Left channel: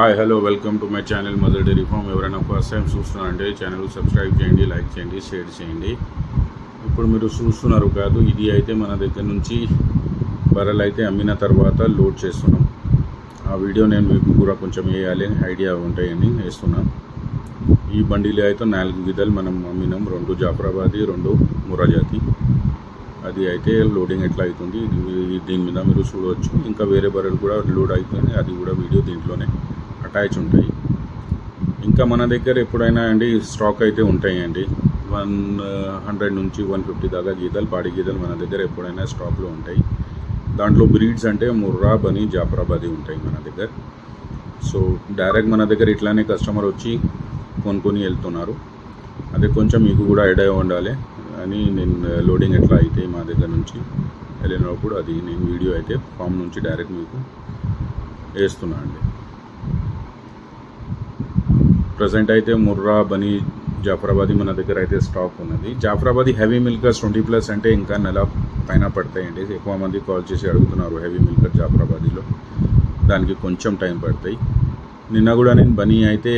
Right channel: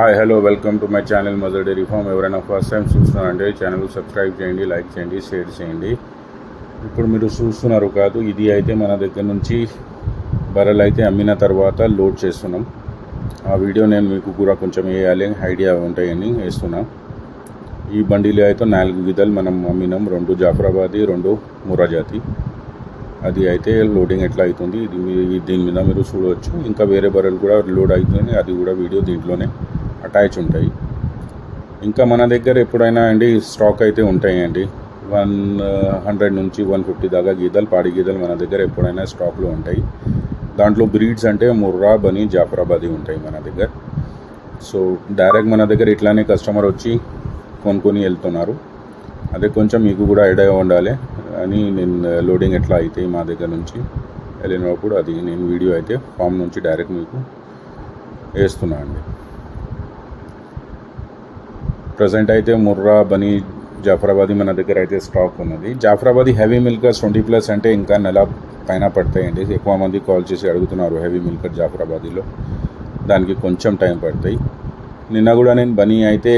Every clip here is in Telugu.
Hi hello welcome to my channel Mother Dairy farm. ఎవరైనా ఫస్ట్ టైం చూస్తున్నారంటే ఛానల్ సబ్స్క్రైబ్ చేయండి, లైక్ చేయండి, షేర్ చేయండి. ఇప్పుడు మీరు చూస్తున్నారు కాదు, ఇది అయితే మన దగ్గర నుంచి బర్రెలు అయితే అమ్మిన తర్వాత లోడ్ చేస్తున్నాం. ఆ వీడియో నేను మీకు కూడా కొంచెం వేయాలి, ఐడియా ఉంటాయని వేస్తున్నాం. ఈ బండిలో అయితే 4 గిద్దలు మనం అమ్మినాం, 2 జాఫరాబాదీ, 2 ముర్రా జాతి. అది అయితే లోడింగ్ ఎట్లా అవుతుంది దీని మీద మీరు చూడవచ్చు. ఇంకా వేరే బర్రెలు కూడా లోడ్ అవుతుంది, అది కూడా వీడియో దీంట్లోనే అటాచ్ ఉంటాయి. ఇంకా మన దగ్గర ఎప్పుడైనా అండి స్టాక్ అయితే ఉంటాయండి. 100 నుంచి 150 దాకా గీదలు, పాడి గీదలు మన దగ్గర ఎప్పుడైనా స్టాక్లో ఉంటాయి. దాంట్లో బ్రీడ్స్ అంటే ముర్రా, బనీ, జాఫరాబాదీ ఉంటాయి మన దగ్గర. సో డైరెక్ట్ మన దగ్గర ఇట్లానే కస్టమర్ వచ్చి కొనుక్కొని వెళ్తున్నారు. అదే కొంచెం మీకు కూడా ఐడియా ఉండాలి అని నేను లోడింగ్ ఎట్లా అయితే మా దగ్గర నుంచి వెళ్ళినప్పుడు అది నేను వీడియో అయితే ఫామ్ నుంచి డైరెక్ట్ మీకు వేస్తున్నా అండి. ప్రజెంట్ అయితే ముర్రా, బనీ, జాఫరాబాదీ మన దగ్గర అయితే స్టాక్ ఉన్నది. జాఫరాబాదీ హెవీ మిల్కర్స్ 20+ అంటే ఇంకా నెల పైన పడతాయండి. ఎక్కువ మంది కాల్ చేసి అడుగుతున్నారు హెవీ మిల్కర్ జాఫరాబాదీలో, దానికి కొంచెం టైం పడతాయి. నిన్న కూడా నేను బనీ అయితే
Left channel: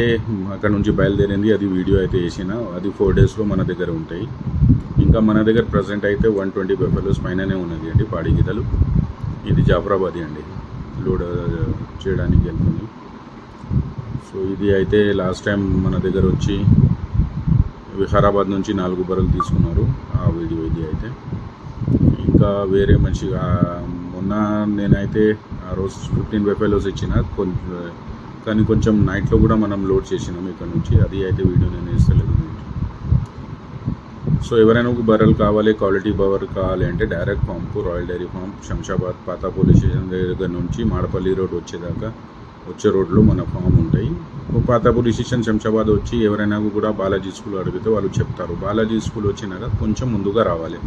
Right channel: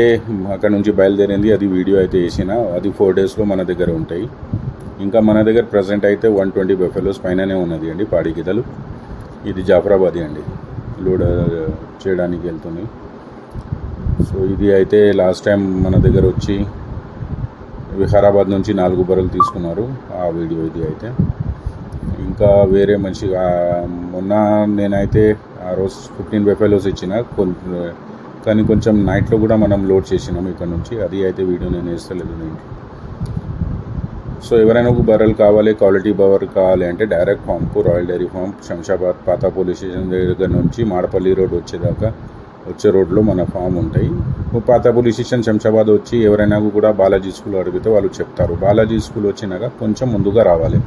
అక్కడ నుంచి బయలుదేరింది, అది వీడియో అయితే వేసిన, అది 4 డేస్లో మన దగ్గర ఉంటాయి. ఇంకా మన దగ్గర ప్రజెంట్ అయితే 120 బఫెలోస్ పైననే ఉన్నది అండి పాడి గీతలు. ఇది జాఫరాబాదీ అండి, లోడ్ చేయడానికి వెళ్తుంది. సో ఇది అయితే లాస్ట్ టైం మన దగ్గర వచ్చి వికారాబాద్ నుంచి 4 బర్రెలు తీసుకున్నారు, ఆ వీడియో ఇది అయితే. ఇంకా వేరే మంచిగా మొన్న నేనైతే ఆ రోజు 15 బఫెలోస్ ఇచ్చిన, కానీ కొంచెం నైట్లో కూడా మనం లోడ్ చేసినాం ఇక్కడ నుంచి, అది అయితే వీడియో నేను వేస్తలేదు దీంట్లో. సో ఎవరైనా ఒక బర్రెలు కావాలి, క్వాలిటీ బర్రెలు కావాలి అంటే డైరెక్ట్ ఫామ్కు, రాయల్ డైరీ ఫామ్, శంషాబాద్ పాత పోలీస్ స్టేషన్ దగ్గర నుంచి మాడపల్లి రోడ్ వచ్చేదాకా వచ్చే రోడ్లో మన ఫామ్ ఉంటాయి. పాత పోలీస్ స్టేషన్ శంషాబాద్ వచ్చి ఎవరైనా కూడా బాలాజీ స్కూల్ అడిగితే వాళ్ళు చెప్తారు. బాలాజీ స్కూల్ వచ్చినాక కొంచెం ముందుగా రావాలి,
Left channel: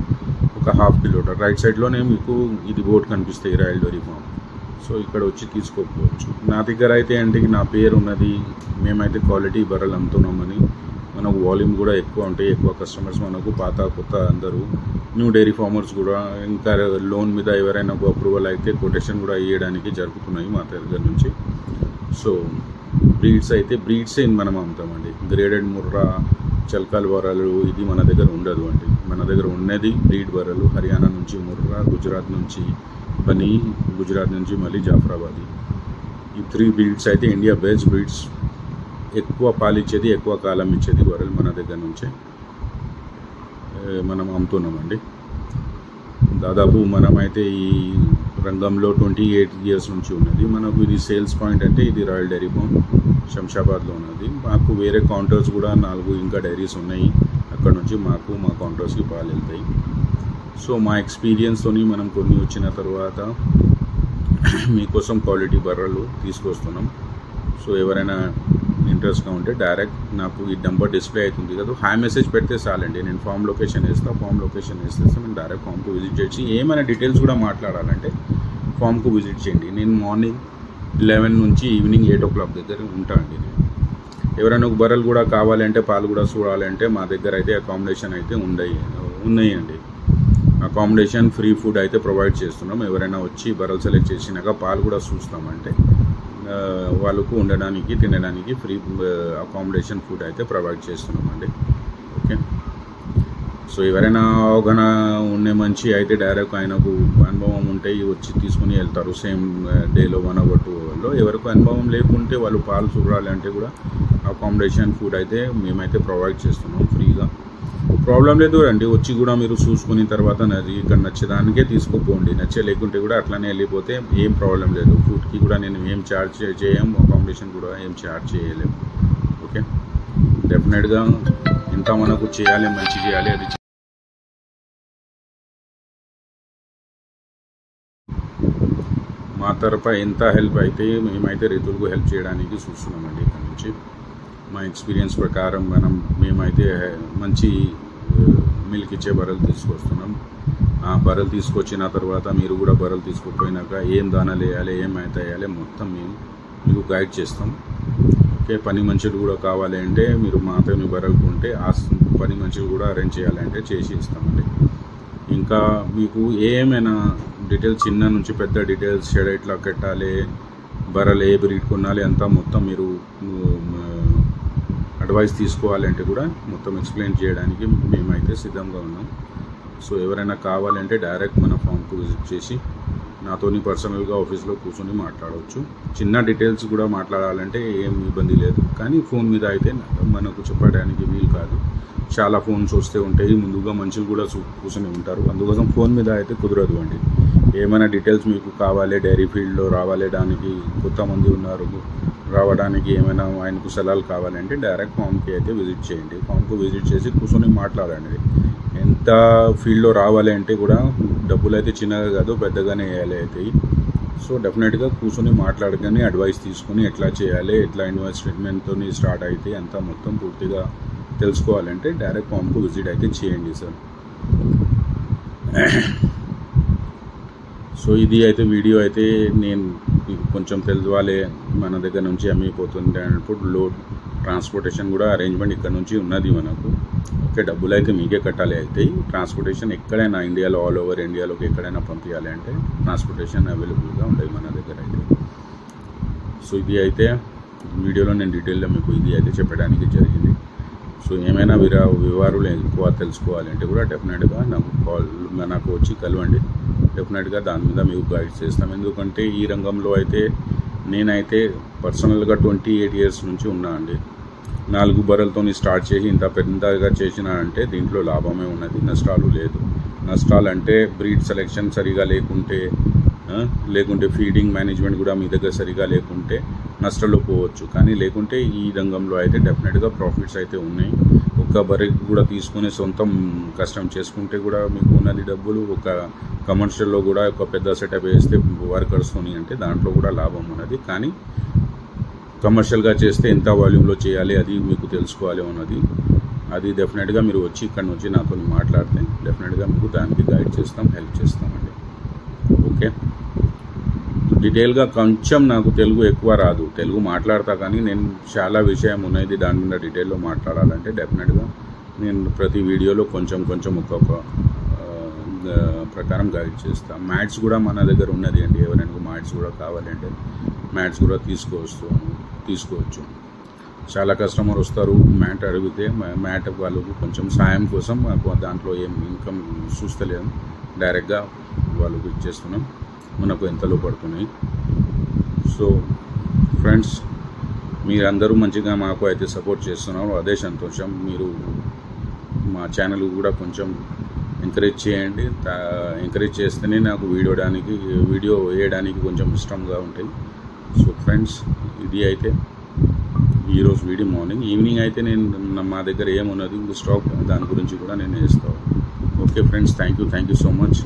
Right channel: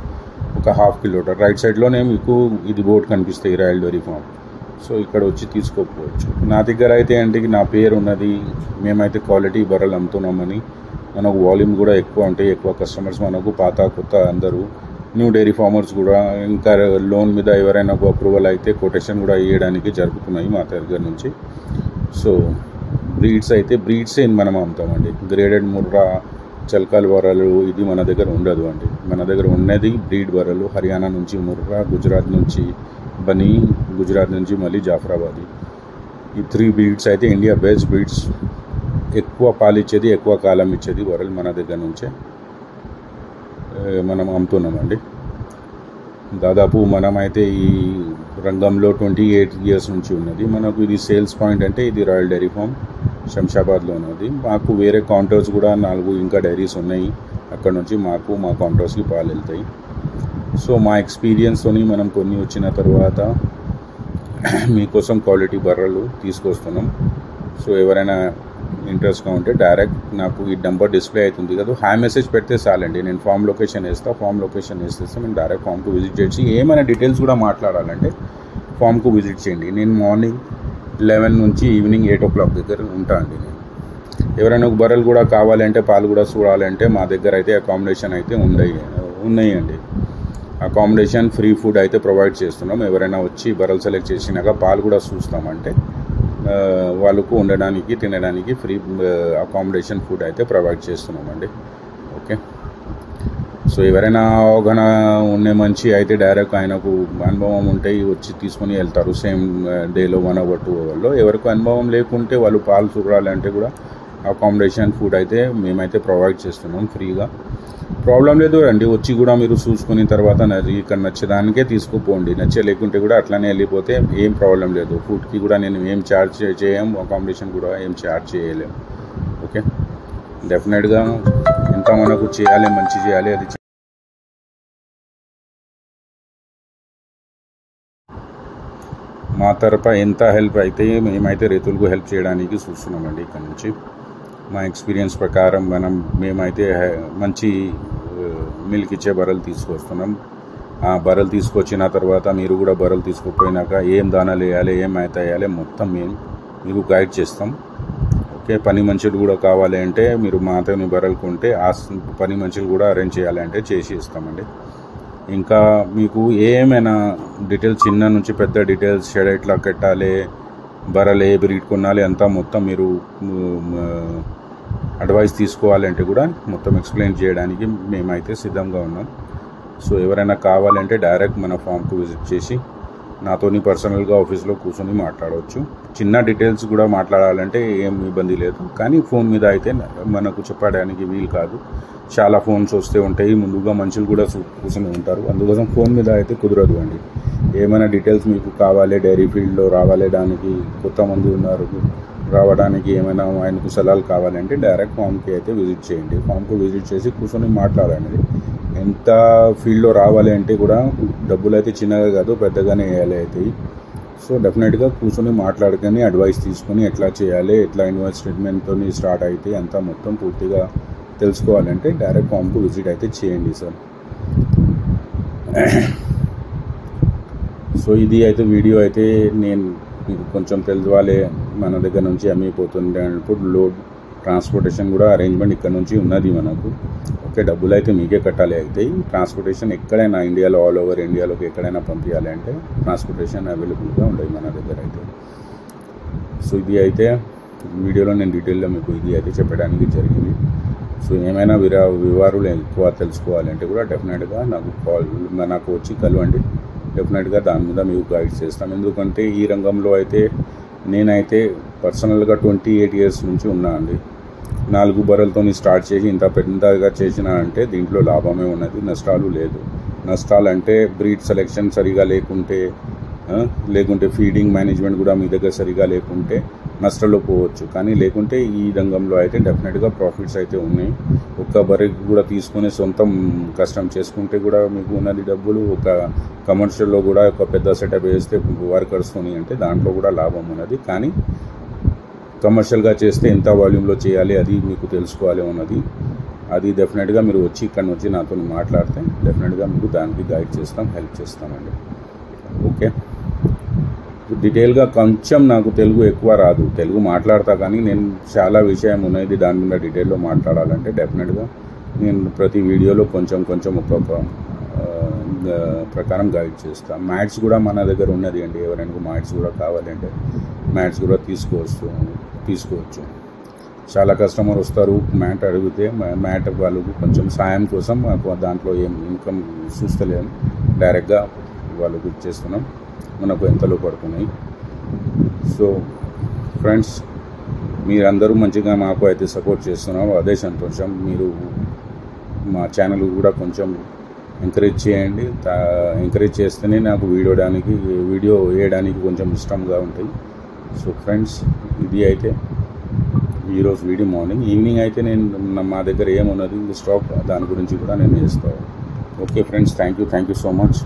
ఒక 1/2 కిలోమీటర్ రైట్ సైడ్లోనే మీకు ఇది బోర్డు కనిపిస్తాయి, రాయల్ డైరీ ఫామ్. సో ఇక్కడ వచ్చి తీసుకోకపోవచ్చు. నా దగ్గర అయితే అంటే నా పేరు ఉన్నది, మేమైతే క్వాలిటీ బర్రెలు అమ్ముతున్నామని. మనకు వాల్యూమ్ కూడా ఎక్కువ ఉంటాయి, ఎక్కువ కస్టమర్స్ మనకు, పాత కొత్త అందరూ న్యూ డైరీ ఫార్మర్స్ కూడా. ఇంకా లోన్ మీద ఎవరైనా అప్రూవల్ అయితే కొటేషన్ కూడా ఇవ్వడానికి జరుగుతున్నాయి మా దగ్గర నుంచి. సో బ్రీడ్స్ మనం అమ్ముతామండి. గ్రేడెడ్ ముర్రా, చల్కాల్ బర్రెలు ఇది మన దగ్గర ఉండదు అండి. మన దగ్గర ఉన్నది బ్రీడ్ బర్రెలు. హర్యానా నుంచి ముర్రా, గుజరాత్ నుంచి బనీ, గుజరాత్ నుంచి మళ్ళీ జాఫరాబాదీ. ఈ 3 బ్రీడ్స్ అయితే ఇండియా బెస్ట్ బ్రీడ్స్, ఎక్కువ పాలు ఇచ్చేది, ఎక్కువ కాలం ఇచ్చేది బర్రెలు మన దగ్గర నుంచే మనం అమ్ముతున్నామండి. దాదాపు మనమైతే ఈ రంగంలో 28 ఇయర్స్ నుంచి ఉన్నది. మనకు ఇది సేల్స్ పాయింట్ అంటే ఇది రాయల్ డైరీ ఫామ్ శంషాబాద్లో ఉన్నది. మాకు వేరే కౌంటర్స్ కూడా 4 ఇంకా డైరీస్ ఉన్నాయి, అక్కడ నుంచి మా కౌంటర్స్కి పాలు వెళ్తాయి. సో మా ఎక్స్పీరియన్స్తో మనం కొన్ని వచ్చిన తర్వాత మీకోసం క్వాలిటీ బర్రెలు తీసుకొస్తున్నాం. సో ఎవరైనా ఇంట్రెస్ట్గా ఉంటే డైరెక్ట్ నాకు ఈ నెంబర్ డిస్ప్లే అవుతుంది కదా, హాయ్ మెసేజ్ పెడితే చాలండి. నేను ఫామ్ లొకేషన్ వేస్తాను, ఫామ్ లొకేషన్ వేసేస్తే నేను డైరెక్ట్ ఫామ్కు విజిట్ చేసి ఏమైనా డీటెయిల్స్ కూడా మాట్లాడాలంటే ఫామ్కు విజిట్ చేయండి. నేను మార్నింగ్ 11 నుంచి ఈవినింగ్ 8 o'clock దగ్గర ఉంటా అండి. నేను ఎవరైనా ఒక బర్రెలు కూడా కావాలంటే, పాలు కూడా చూడాలంటే మా దగ్గర అయితే అకామిడేషన్ అయితే ఉన్నాయండి. అకామిడేషన్, ఫ్రీ ఫుడ్ అయితే ప్రొవైడ్ చేస్తున్నాం. ఎవరైనా వచ్చి బర్రెలు సెలెక్ట్ చేసినాక పాలు కూడా చూస్తామంటే వాళ్ళకు ఉండడానికి, తినడానికి ఫ్రీ అకామిడేషన్, ఫుడ్ అయితే ప్రొవైడ్ చేస్తున్నామండి. ఓకే. సో ఎవరైనా అవగాహన ఉండే మంచి అయితే డైరెక్ట్ ఆయనకు అనుభవం ఉంటే వచ్చి తీసుకొని వెళ్తారు సేమ్ డేలో 1 hour 2 hourలో. ఎవరికి అనుభవం లేకుంటే వాళ్ళు పాలు చూడాలంటే కూడా అకామిడేషన్, ఫుడ్ అయితే మేమైతే ప్రొవైడ్ చేస్తున్నాం ఫ్రీగా. ప్రాబ్లం లేదు అండి, వచ్చి కూడా మీరు చూసుకున్న తర్వాత ఇక్కడ నచ్చేదానికే తీసుకుపోండి, నచ్చలేకుంటే కూడా అట్లానే వెళ్ళిపోతే ఏం ప్రాబ్లం లేదు. ఫుడ్కి కూడా నేను ఏం ఛార్జ్ చేయం, అకామిడేషన్ కూడా ఏం ఛార్జ్ చేయలేము. ఓకే. డెఫినెట్గా ఎంత మనకు చేయాలి, మంచి చేయాలి, అది మా తరఫు ఎంత హెల్ప్ అయితే మేమైతే రైతులకు హెల్ప్ చేయడానికి చూస్తున్నామండి. ఇక్కడ నుంచి మా ఎక్స్పీరియన్స్ ప్రకారం మేమైతే మంచి మిల్క్ ఇచ్చే బర్రెలు తీసుకొస్తున్నాం. ఆ బర్రెలు తీసుకొచ్చిన తర్వాత మీరు కూడా బర్రెలు తీసుకుపోయినాక ఏం దానాలు వేయాలి, ఏం మేత వేయాలి మొత్తం మేము మీకు గైడ్ చేస్తాం. ఓకే. పని మనుషులు కూడా కావాలి అంటే మీరు మాతోని బర్రెలు కొంటే ఆ పని మనుషులు కూడా అరేంజ్ చేయాలంటే చేసి ఇస్తామండి. ఇంకా మీకు ఏమైనా డీటెయిల్స్, చిన్న నుంచి పెద్ద డీటెయిల్స్, షెడ్ ఎట్లా కట్టాలి, బర్రెలు ఏ బ్రీడ్ కొనాలి అంతా మొత్తం మీరు అడ్వైస్ తీసుకోవాలంటే కూడా మొత్తం ఎక్స్ప్లెయిన్ చేయడానికి మేమైతే సిద్ధంగా ఉన్నాం. సో ఎవరైనా కావాలంటే డైరెక్ట్ మన ఫామ్కు విజిట్ చేసి నాతోని పర్సనల్గా ఆఫీస్లో కూర్చొని మాట్లాడవచ్చు. చిన్న డీటెయిల్స్ కూడా మాట్లాడాలంటే ఏం ఇబ్బంది లేదు, కానీ ఫోన్ మీద అయితే మనకు చెప్పడానికి వీలు కాదు. చాలా ఫోన్స్ వస్తూ ఉంటాయి, ముందుగా మనుషులు కూడా కూర్చొని ఉంటారు, అందుకోసం ఫోన్ మీద అయితే కుదరదు అండి. ఏమైనా డీటెయిల్స్ మీకు కావాలి, డైరీ ఫీల్డ్లో రావాలి, దానికి కొత్త మంది ఉన్నారు, రావడానికి ఏమైనా ఆయనకు సలహాలు కావాలంటే డైరెక్ట్ ఫామ్కి అయితే విజిట్ చేయండి. ఫామ్కు విజిట్ చేసి కూర్చొని మాట్లాడండి. ఎంత ఫీల్డ్లో రావాలి అంటే కూడా డబ్బులు అయితే చిన్నగా కాదు, పెద్దగానే వేయాలి అవుతాయి. సో డెఫినెట్గా కూర్చొని మాట్లాడుకొని అడ్వైస్ తీసుకొని ఎట్లా చేయాలి, ఎట్లా ఇన్వెస్ట్మెంట్తో స్టార్ట్ అయితే అంతా మొత్తం పూర్తిగా తెలుసుకోవాలంటే డైరెక్ట్ ఫామ్కు విజిట్ అయితే చేయండి సార్. సో ఇది అయితే వీడియో అయితే నేను మీకు కొంచెం తెలుసుకోవాలి, మన దగ్గర నుంచి అమ్మిపోతుంది అన్నప్పుడు లోడ్ ట్రాన్స్పోర్టేషన్ కూడా అరేంజ్మెంట్ ఇక్కడ నుంచి ఉన్నది మనకు. ఓకే, డబ్బులు అయితే మీకే కట్టాలి అవుతాయి. ట్రాన్స్పోర్టేషన్ ఎక్కడైనా ఇండియాలో, ఆల్ ఓవర్ ఇండియాలోకి ఎక్కడైనా పంపించాలి అంటే ట్రాన్స్పోర్టేషన్ అవైలబుల్గా ఉంటాయి మన దగ్గర అయితే. సో ఇది అయితే వీడియోలో నేను డీటెయిల్గా మీకు ఇది అయితే చెప్పడానికి జరిగింది. సో ఏమైనా వివరాలు ఎక్కువ తెలుసుకోవాలంటే కూడా డెఫినెట్గా నాకు వచ్చి కలవండి. డెఫినెట్గా దాని మీద మీకు గైడ్ చేస్తాం. ఎందుకంటే ఈ రంగంలో అయితే నేనైతే పర్సనల్గా 28 years నుంచి ఉన్నా అండి. 4 బర్రెలతో స్టార్ట్ చేసి ఇంత పెద్దగా చేసిన అంటే దీంట్లో లాభమే ఉన్నది, నష్టాలు లేదు. నష్టాలు అంటే బ్రీడ్ సెలెక్షన్ సరిగా లేకుంటే ఫీడింగ్ మేనేజ్మెంట్ కూడా మీ దగ్గర సరిగా లేకుంటే నష్టాల్లో పోవచ్చు. కానీ లేకుంటే ఈ రంగంలో అయితే డెఫినెట్గా ప్రాఫిట్స్ అయితే ఉన్నాయి. ఒక్క బర్రె కూడా తీసుకుని సొంతం కష్టం చేసుకుంటే కూడా మీకు ఉన్నది డబ్బులు. ఒక కమర్షియల్లో కూడా ఒక పెద్ద సెటప్ వేస్తే వర్కర్స్తోని అంటే దాంట్లో కూడా లాభం ఉన్నది. కానీ కమర్షియల్గా చేస్తే ఎంత వాల్యూమ్లో చేయాలి అది మీకు తెలుసుకోవాలి ఉన్నది. అది డెఫినెట్గా మీరు వచ్చి ఇక్కడ వచ్చి నాతో మాట్లాడితే డెఫినెట్గా మీకు దానికి గైడ్ చేస్తాం, హెల్ప్ చేస్తామండి. ఓకే, డీటెయిల్గా కొంచెం నాకు తెలుగు ఎక్కువ రాదు, తెలుగు మాట్లాడతా, కానీ నేను చాలా విషయం ఉన్నది దాని మీద డీటెయిల్లో మాట్లాడాలంటే డెఫినెట్గా నేను ప్రతి వీడియోలో కొంచెం ఒక్కొక్క ప్రకారం గైడ్ చేస్తాను. మ్యాట్స్ కూడా మన దగ్గర ఉన్నది అండి, ఎవరైనా మ్యాట్స్ కూడా కావాలంటే మ్యాట్స్ కూడా తీసుకోవచ్చు. చాలా కస్టమర్ వస్తారు, మ్యాట్ అడిగితే మ్యాట్ వాళ్ళకు కొంచెం సాయం కోసం దాంట్లో ఏం ఇన్కమ్ చూస్తలేము, డైరెక్ట్గా వాళ్ళకు ఇచ్చేస్తున్నాం, మనకు ఎంతలో పడుతున్నాయి. సో ఫ్రెండ్స్, మీరందరూ మంచిగా మాకు అయితే సపోర్ట్ చేస్తున్నారు, అదే సంతోషం. మీరు మా ఛానల్ కూడా కొంచెం ఎంకరేజ్ చేయండి. ఎంకరేజ్ చేస్తేనే నాకు వీడియో వేయడానికి కొంచెం ఇష్టంగా ఉంటాయి. సో ఫ్రెండ్స్, ఇది అయితే ఈరోజు వీడియో. ఈవినింగ్ అయితే నేను మా దగ్గర ఏమున్నది స్టాక్ దాని గురించి కూడా నేను వేస్తాను. Okay friends, thank you so much.